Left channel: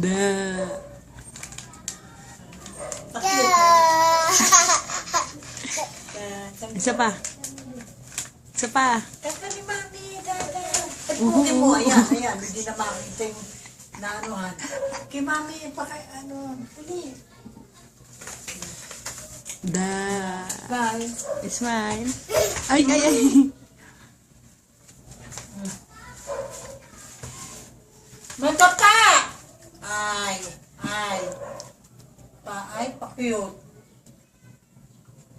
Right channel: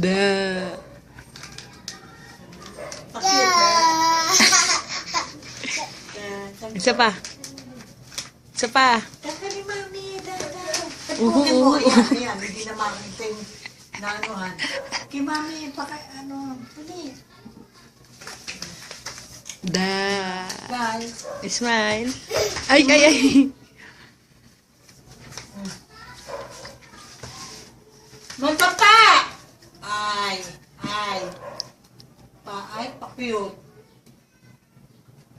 Da. Isa pa. Isa pa. Kanta ni Mami, Pagpukin mo, ayan, hindi na makikita yung naanuhan. Kay Mami, pali. Da. Bye. Smile. Ay, ay, ay. Magpapa! Ay. Pa-cute.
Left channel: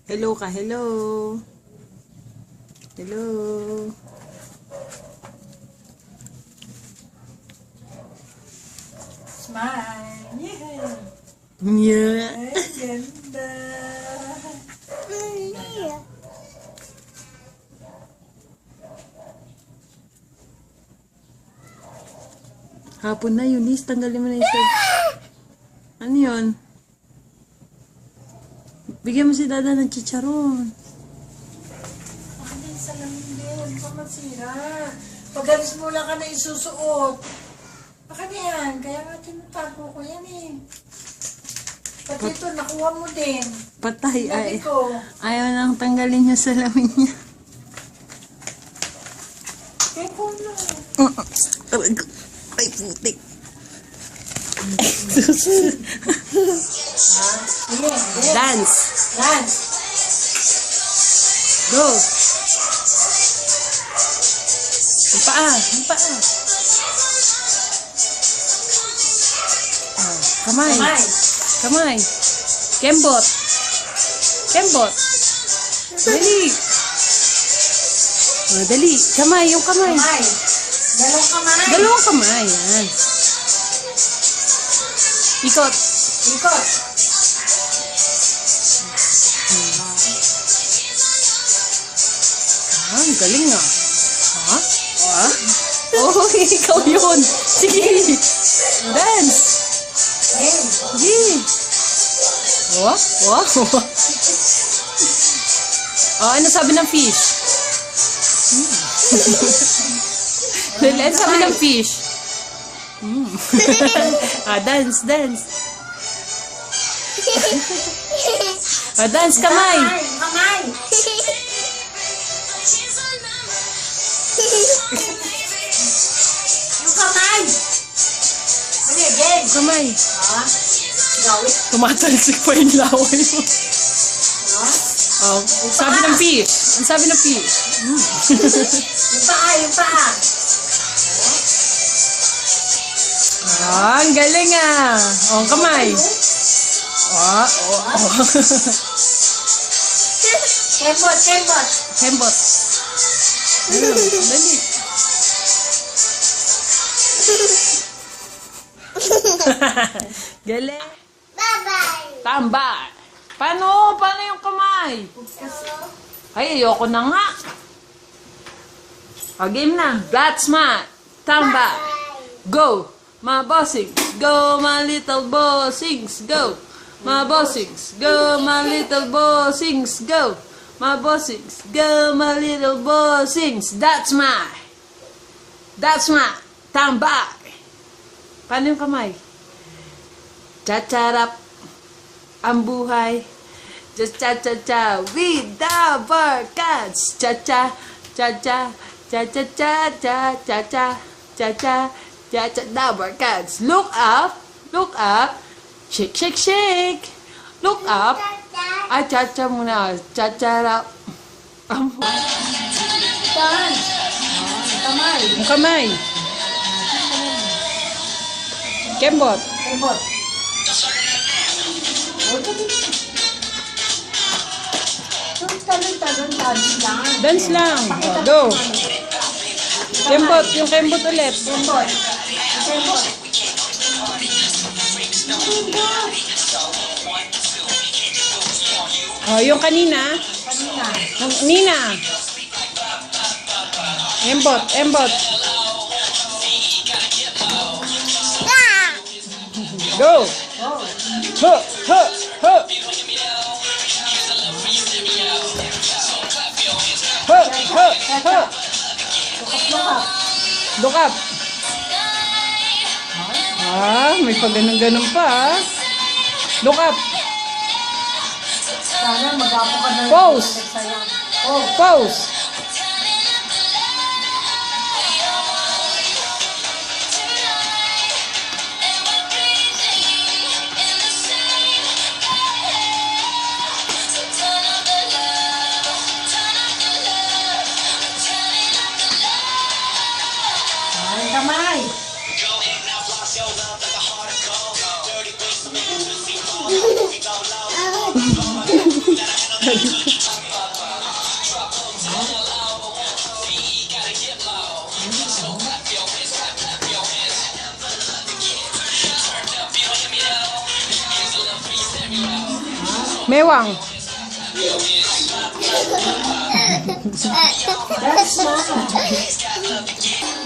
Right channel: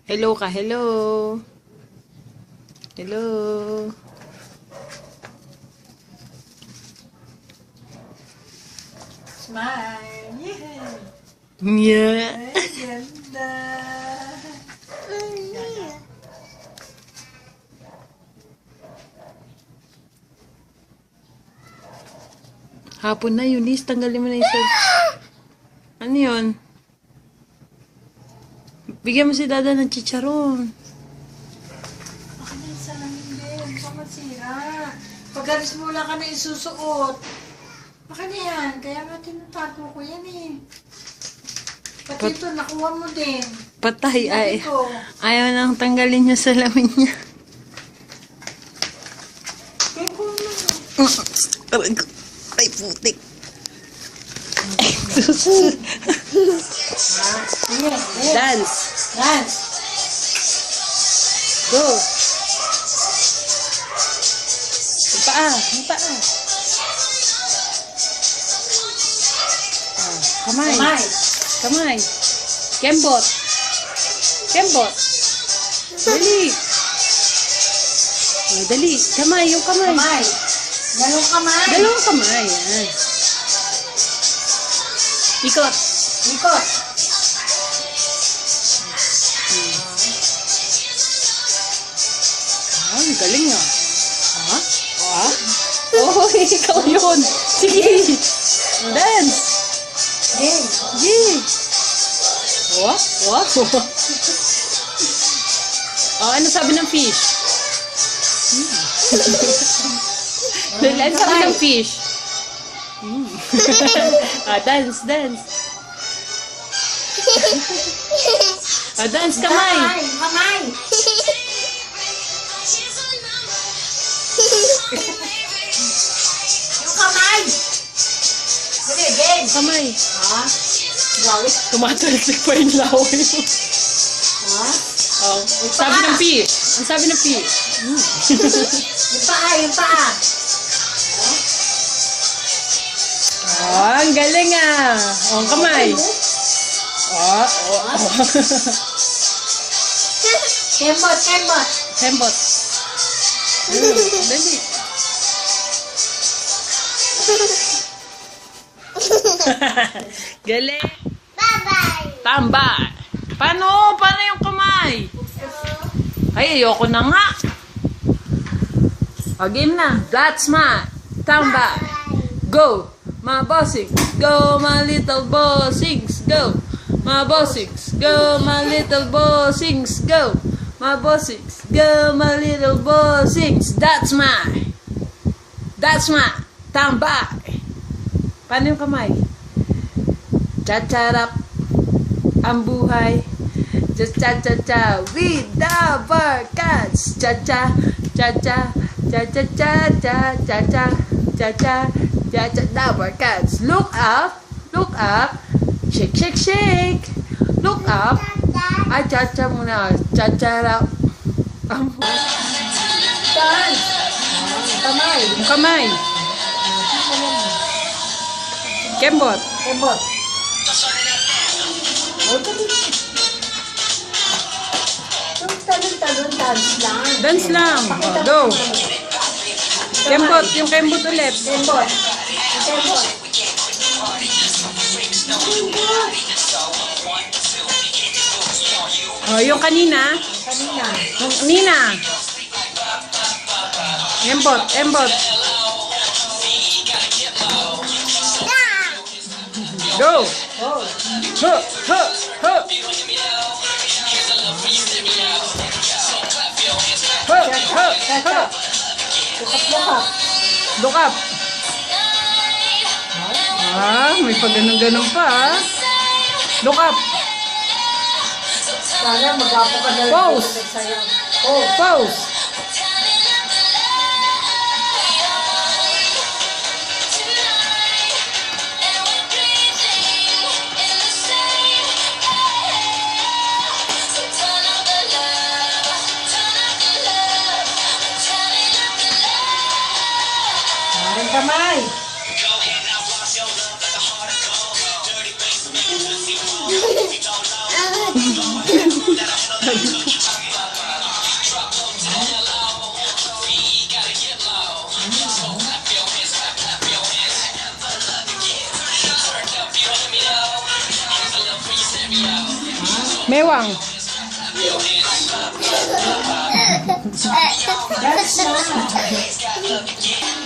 Hello ka, hello. Hello. Smile. Yeah. Yeah. Ay, ganda. Hapon na, Eunice. Tanggalin mo na yung shirt. Ano yun? Bigyan mo si Dada ng chicharon. Baka na yung salamin din. Baka masira. Pag-alis mo lang ka na isusuot. Baka na yan. Kaya nga tinatago ko yan eh. Pati ito, nakuha mo din. Patay ay. Sabi ko, Ayaw nang tanggalin yung salamin niya. kaya ko na. Ay, putik. Yes. Dance. Dance. Go. Yung paa. Yung paa. Kamay. Kamay. Kamay. Kembot. Kembot. Dali. Oh, dali. Kamay. Yung kamay. Kamay. Dalawang kamay. Dalawang kamay. Yan. Ikot. Ikot. Ah, ang galing ah. Ha? Ah? Oh, ikaw yun. Sige. Dance. Hey. Sige. Wow. Wow. Oh, ano sabi ng fish? Ano sabi ng fish? Dance, dance. Dance, kamay. Kamay. Yung kamay. Dali, again. Kamay. Ha? Gawin. Tumatalsik pa yung laway mo. Ha? Oh, sabi ng fish. Ang sabi ng fish. Yung paa, yung paa. Ah, ang galing ah. Oh, ang kamay. Oh, oh, oh. Kembot, kembot. Kembot. Dali. Galing. Bye-bye. Tambay. Paano? Paano yung kamay? Ay, ayoko na nga. O, game na. That's my tambay. Go, my bossings. Go, my little bossings. Go, my bossings. Go, my little bossings. Go, my bossings. Go, my little bossings. That's my tambay. Paano yung kamay? Chacharap ang buhay. Just cha-cha-cha with the barkads. Cha-cha, cha-cha, cha-cha-cha, cha-cha, cha-cha, cha-cha, the barkads. Look up, shake, shake, shake. Look up. Ay, cha-cha muna. Cha-charap ang buhay. Saan? Kamay. Yung kamay. Kembot. Kembot. O, tabi. Yung talon-talon, dance lang. Dance lang. Oh, go. Kembot. Yung kembot ulit. Kembot. Kembot. Oh, yung kanina. Kanina. Yung kanina. Embot. Embot. Go. Oh. Huh. Huh. Huh. Huh. Huh. Huh. Lukat-lukat. Look up. Ah, may pag ganun pa ah. Look up. Sana mag-apo ka na Pose. nagsayaw. Oh, Pose. ay kamay. Mewang. That's not.